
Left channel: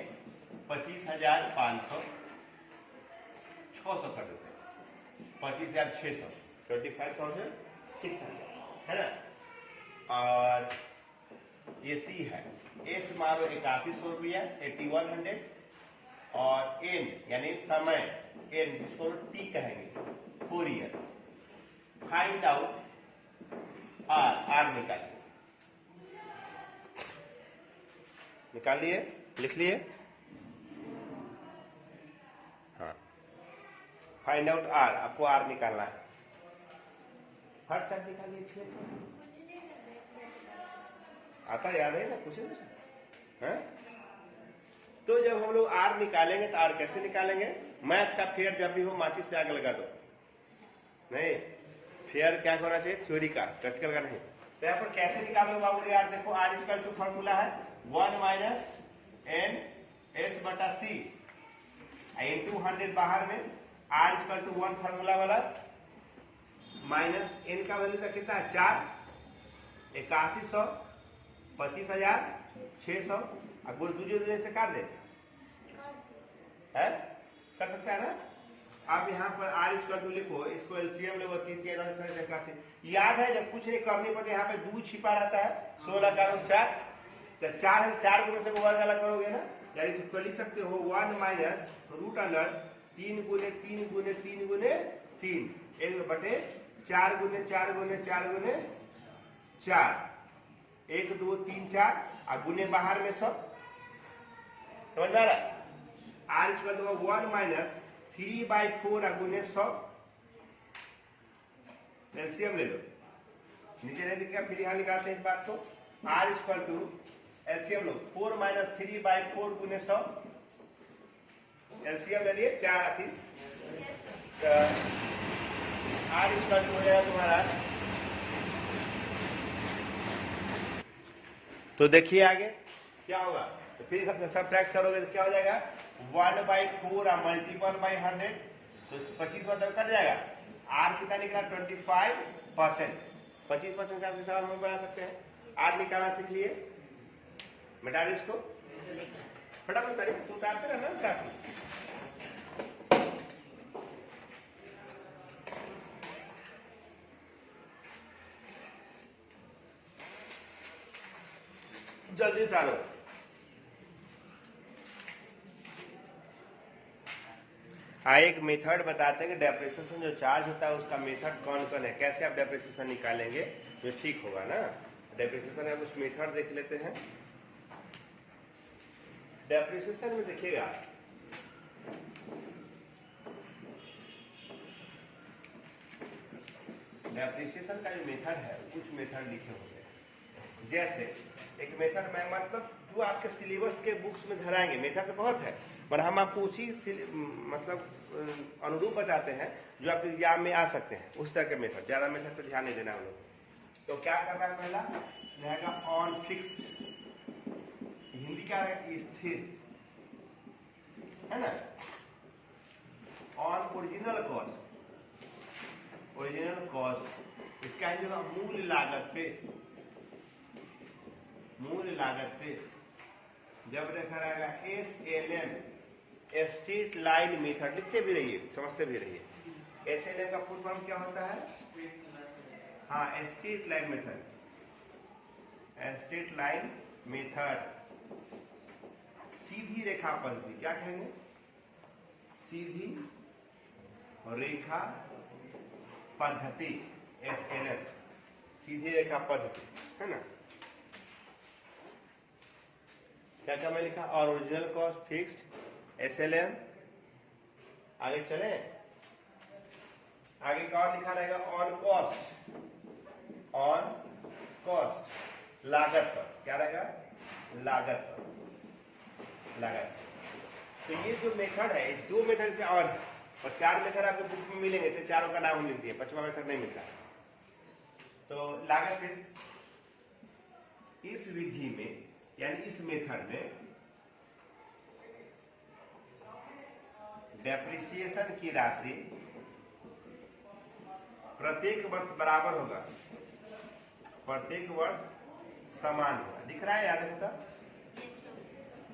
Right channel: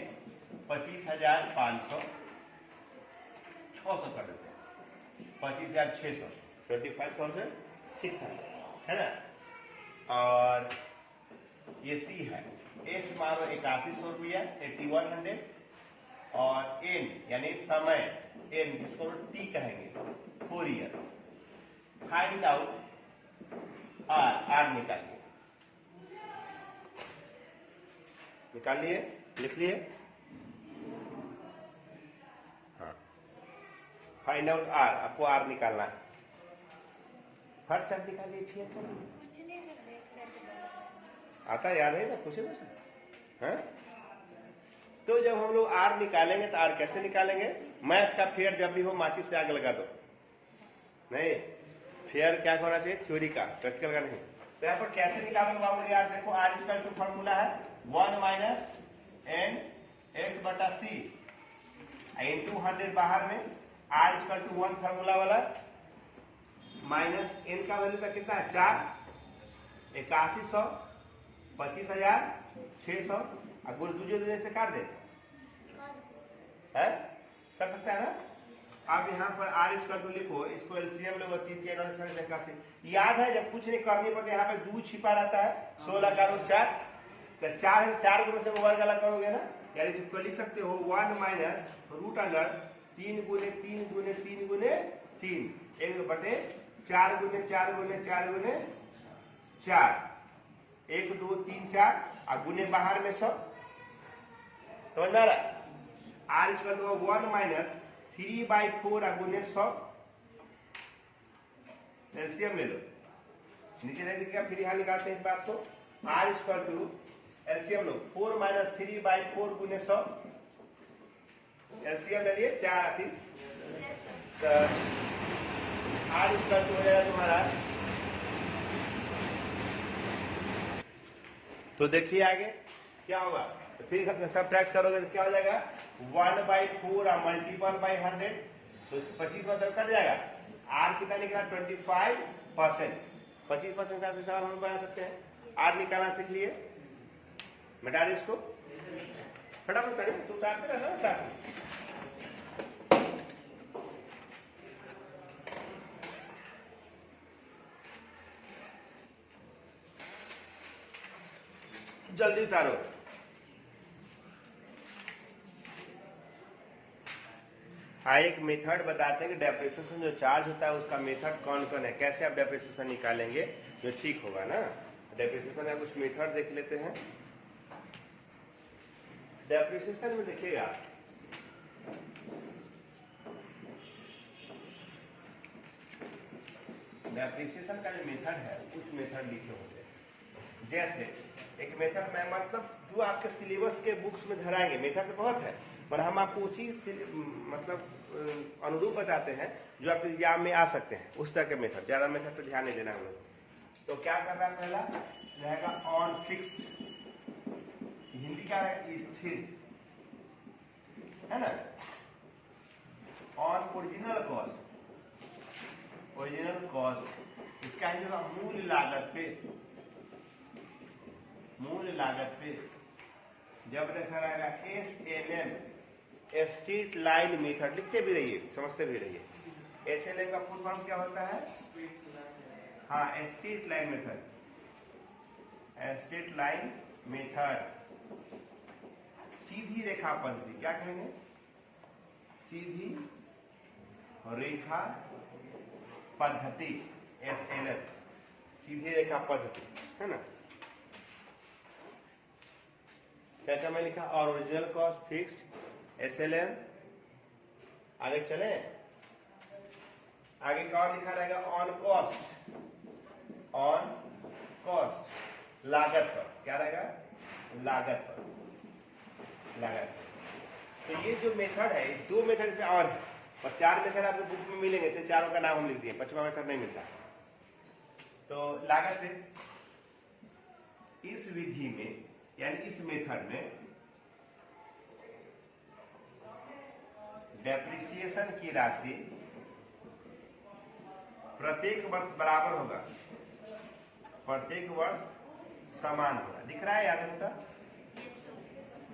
25,500, 600 कर देते हैं 25,600, 25,600 है ना। और ये C है। S मारो 8100 रुपया 8100। और N यानी समय N जिसको T कहेंगे 4 ईयर। फाइंड आउट R निकाल लिए, लिख लिए। हाँ, फाइंड आउट R, आपको R निकालना है। हर शब्द निकालिए। फिर आता याद है ना कुछ? हाँ? तो जब हम लोग R निकालेंगे तो R कैसे निकालेंगे? मैथ का फेयर जब भी हो माचिस से आग लगा दो। नहीं, फेयर क्या होना चाहिए? थ्योरी का, प्रैक्टिकल का नहीं। तो यहाँ पर कैसे निकालोगे बाबू? यार देखो R इक्वल टू फॉर्मूला है 1 माइनस n s बटा c इंटू 100 बाहर में R इक्वल टू 1 फॉर्मूला वाला माइनस n का वैल्यू का कितना है 4, 8100, 25,600। अब बोल दूसरे से काट दे है, कर सकता है ना। आप यहाँ पर R इक्वल टू लिखो, इसको एलसीएम लो 3 याद है जब कुछ नहीं करने पर यहाँ पे 2 छिपा रहता है 16 का रूट 4। तो 4 को में से वर्ग अलग करोगे ना, यानी इसको लिख सकते हो 1 माइनस रूट अंडर 3 गुने 3 गुने 3 गुने 3 1 बटे 4 गुने 4 गुने 4 गुने 4 1 2 3 4 और गुने बाहर में सब। समझ में आ रहा? R इक्वल टू 1 माइनस 3/4 गुने 100। एलसीएम ले लो, नीचे नहीं दिखेगा, फिर यहां निकालते हैं इस बात को। R इक्वल टू एलसीएम लो 4 माइनस 3/4 गुने 100। एलसीएम ले लिए 4 आती। तो R इक्वल टू हो जाएगा तुम्हारा, तो देखिए आगे क्या होगा। तो फिर सब ट्रैक करोगे तो क्या हो जाएगा 1/4 मल्टीपल बाई 100, तो 25 मतलब कट जाएगा। R कितना निकला 25%। 25% का हिसाब हम बना सकते हैं। R निकालना सीख लिए, मिटा दे इसको, फटाफट करिए, तो उतारते रहना साथ में। जल्दी उतारो। एक मेथड बताते हैं कि डेप्रिसिएशन जो चार्ज होता है उसका मेथड कौन कौन है, कैसे आप डेप्रिसिएशन निकालेंगे जो ठीक होगा ना। डेप्रिसिएशन का कुछ मेथड देख लेते हैं। डेप्रिसिएशन में देखिएगा डेप्रिसिएशन का जो मेथड है कुछ मेथड लिखे होते हैं। जैसे एक मेथड में मतलब जो आपके सिलेबस के बुक्स में धराएंगे, मेथड तो बहुत है पर हम आपको उसी मतलब अनुरूप बताते हैं जो आपके एग्जाम में आ सकते हैं, उस तरह के मेथड। ज्यादा मेथड तो ध्यान नहीं देना हम लोग। तो क्या करना है, पहला रहेगा ऑन फिक्स्ड, हिंदी क्या है स्थिर, है ना। On original cost, original cost इसका जो मूल लागत पे, मूल लागत पे जब देखा रहेगा SLM स्ट्रेट लाइन मेथड, लिखते भी रहिए, समझते भी रहिए। एसएलएम का फुल फॉर्म क्या होता है? हाँ, straight line method, straight line method, सीधी रेखा पद्धति। क्या कहेंगे? सीधी रेखा पद्धति, एसएलएम, सीधी रेखा पद्धति, है ना। क्या मैं लिखा? और ओरिजिनल कॉस्ट फिक्स्ड, एसएलएम। आगे चले, आगे का और लिखा रहेगा ऑन कॉस्ट, ऑन कॉस्ट, लागत पर। क्या रहेगा? लागत पर, लागत। तो ये जो मेथड है, इस दो मेथड से और 4 मेथड आपको बुक में मिलेंगे, तो चारों का नाम हम लिख दिए, 5वां मेथड नहीं मिलता। तो लागत इस विधि में, यानी इस मेथड में डेप्रिसिएशन की राशि प्रत्येक वर्ष बराबर होगा, प्रत्येक वर्ष समान होगा। दिख रहा है? याद है?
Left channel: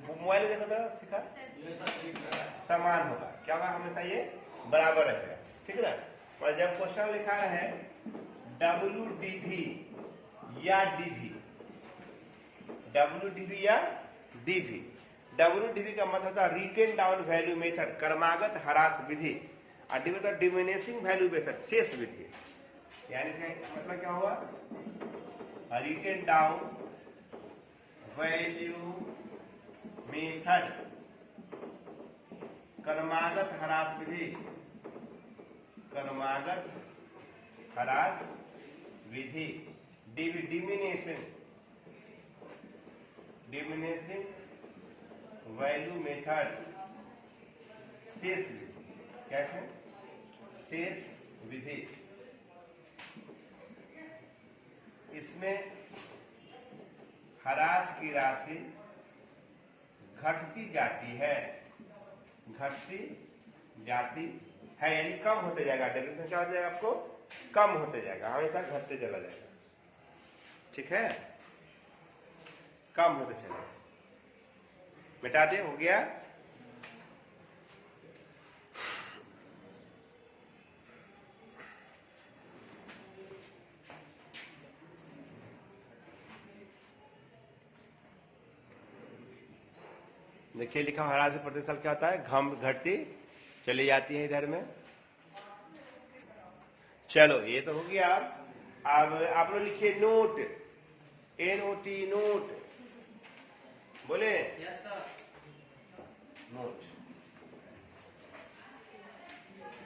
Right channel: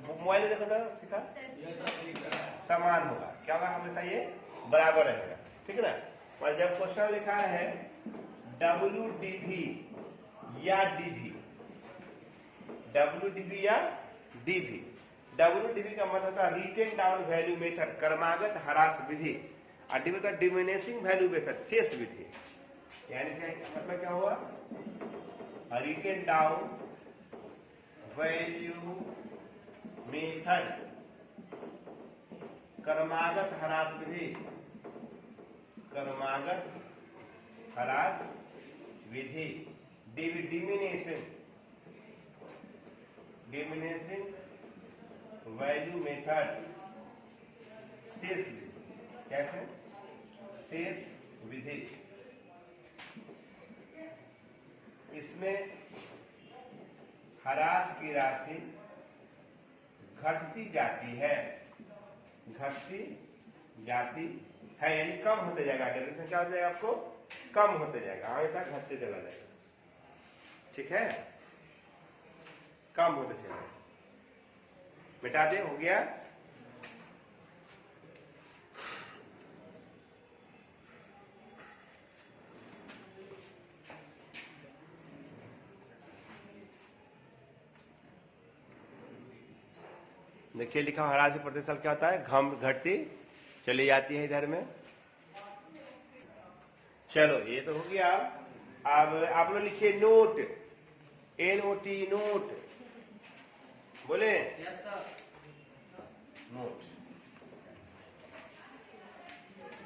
मोबाइल देखो तो सीखा, समान होगा। क्या होगा? हमेशा ये बराबर रहेगा, ठीक है ना। और जब क्वेश्चन लिखा है WDV या DV, WDV या DV, WDV का मतलब था रिटेन डाउन वैल्यू मेथड, क्रमागत ह्रास विधि, और DV का डिमिनिशिंग वैल्यू मेथड, शेष विधि। यानी मतलब क्या हुआ? रिटेन डाउन वैल्यू मेथड, क्रमागत ह्रास विधि, क्रमागत ह्रास विधि, डिमिनिशिंग वैल्यू मेथड, शेष विधि। क्या है? शेष विधि। इसमें ह्रास की राशि घटती जाती है, घटती जाती है, यानी कम होते जाएगा। डेफिनेशन क्या हो जाएगा? आपको कम होते जाएगा, हमेशा घटते चला जाएगा, ठीक है, कम होते चला। बेटा दे, हो गया। देखिए लिखा ह्रास प्रति साल क्या होता है? घम घटती चली जाती है इधर में। चलो ये तो हो गया। अब आप लोग लिखिए नोट, NOT, नोट बोले। Yes sir. नोट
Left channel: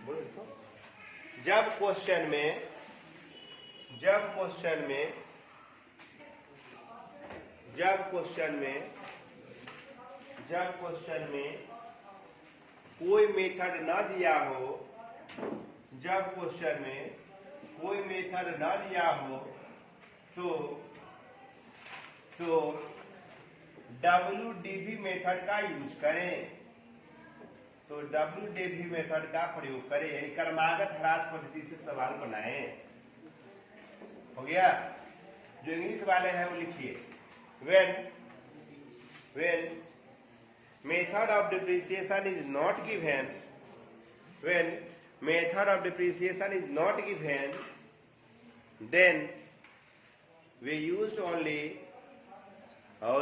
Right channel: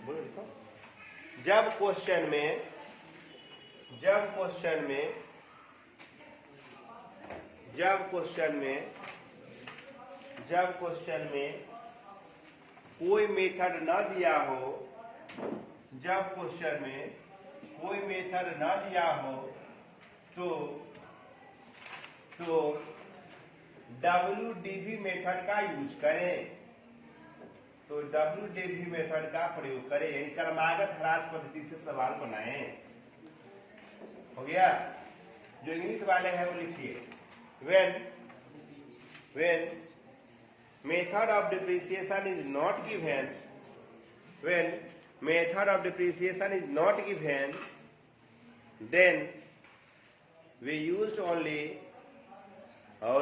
बोलो, लिखो। जब क्वेश्चन में कोई मेथड न दिया हो, जब क्वेश्चन में कोई मेथड न दिया हो तो WDV मेथड का यूज करें, तो WDV मेथड का प्रयोग करें, यानी क्रमागत ह्रास पद्धति से सवाल बनाएं। हो गया? जो इंग्लिश वाले हैं वो लिखिए, when method of depreciation is not given, when method of depreciation is not given, then we used only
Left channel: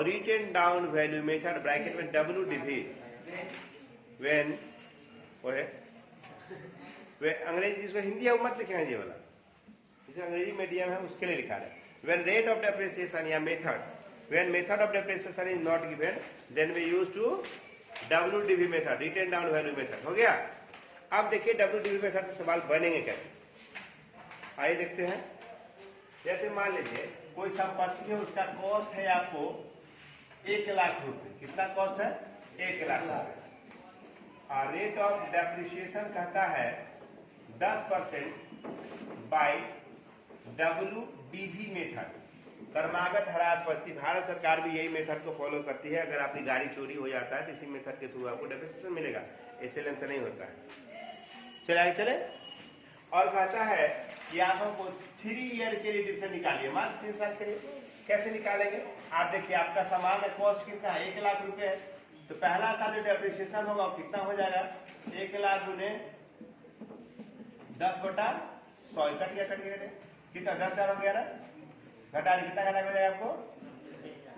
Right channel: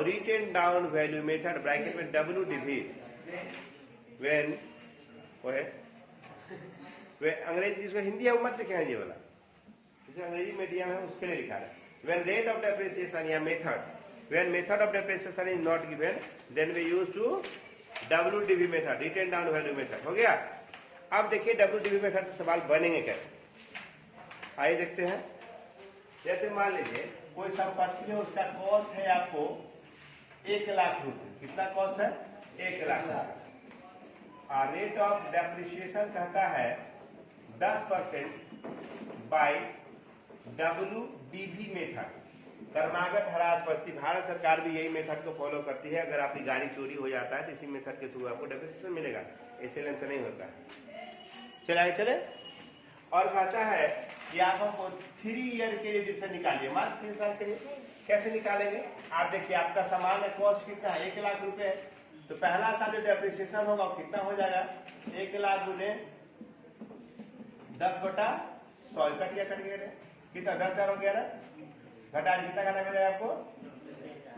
written down value method bracket में WDV। when वे अंग्रेजी जिसको हिंदी है वो मत लिखे हैं, ये वाला जिसे अंग्रेजी मीडियम है उसके लिए लिखा है। when rate of depreciation या method, when method of depreciation is not given, then we use to WDV method, written down value method। हो गया? अब देखिए WDV मेथड से सवाल बनेंगे कैसे, आइए देखते हैं। जैसे मान लीजिए कोई संपत्ति है, उसका कॉस्ट है आपको 1 लाख रुपए। कितना कॉस्ट है? 1 लाख रुपए। और रेट ऑफ डेप्रिसिएशन कहता है 10% बाय WDV मेथड, क्रमागत ह्रास पद्धति। भारत सरकार भी यही मेथड को फॉलो करती है। अगर आपकी गाड़ी चोरी हो जाता है तो इसी मेथड के थ्रू आपको डेप्रिसिएशन मिलेगा, एसएलएम से नहीं होता है। चले और कहता है कि आप हमको 3 ईयर के लिए डिविजन निकालिए, मात्र 3 साल के लिए। कैसे निकालेंगे? आप देखिए, आपका सामान का कॉस्ट कितना है? 1 लाख रुपए है। तो पहला साल जो डेप्रिसिएशन होगा वो कितना हो जाएगा, 1 लाख गुने 10/100 कट गया कितना 10,000 हो गया ना, घटा कितना घटा हो जाएगा आपको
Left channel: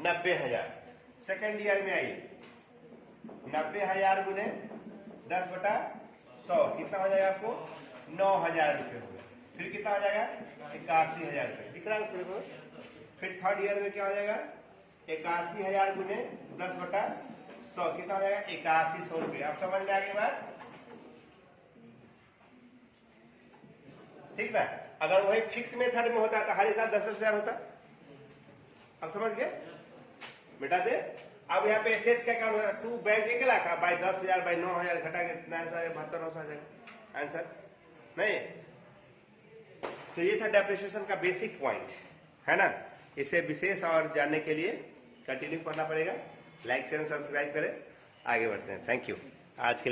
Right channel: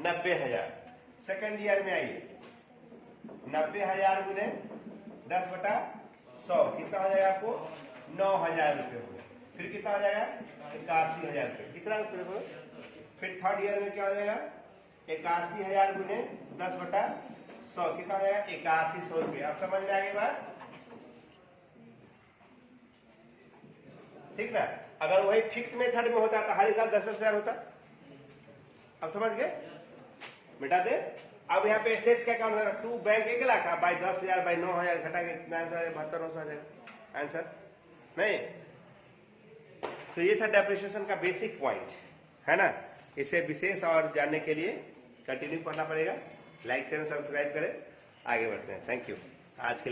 90,000। सेकेंड ईयर में आइए 90,000 गुने 10/100 कितना हो जाएगा आपको 9,000 रुपये हो गया। फिर कितना हो जाएगा 81,000 रुपये, कितना रुपये हो। फिर थर्ड ईयर में क्या हो जाएगा 81,000 गुने 10/100 कितना हो जाएगा 8100 रुपये। आप समझ में आ गई बात, ठीक ना। अगर वही फिक्स मेथड में होता तो हर साल 10,000 होता। अब समझ गए बेटा दे। अब यहाँ पे एसेट्स का काम है, तू बैंक 1 लाख बाई 10,000 बाई 9,000 घटा के कितना आंसर 72,900 आ जाएगा आंसर नहीं। तो ये था डेप्रिसिएशन का बेसिक पॉइंट है ना। इसे विशेष और जानने के लिए कंटिन्यू करना पड़ेगा। लाइक शेयर सब्सक्राइब करें, आगे बढ़ते हैं। थैंक यू आज के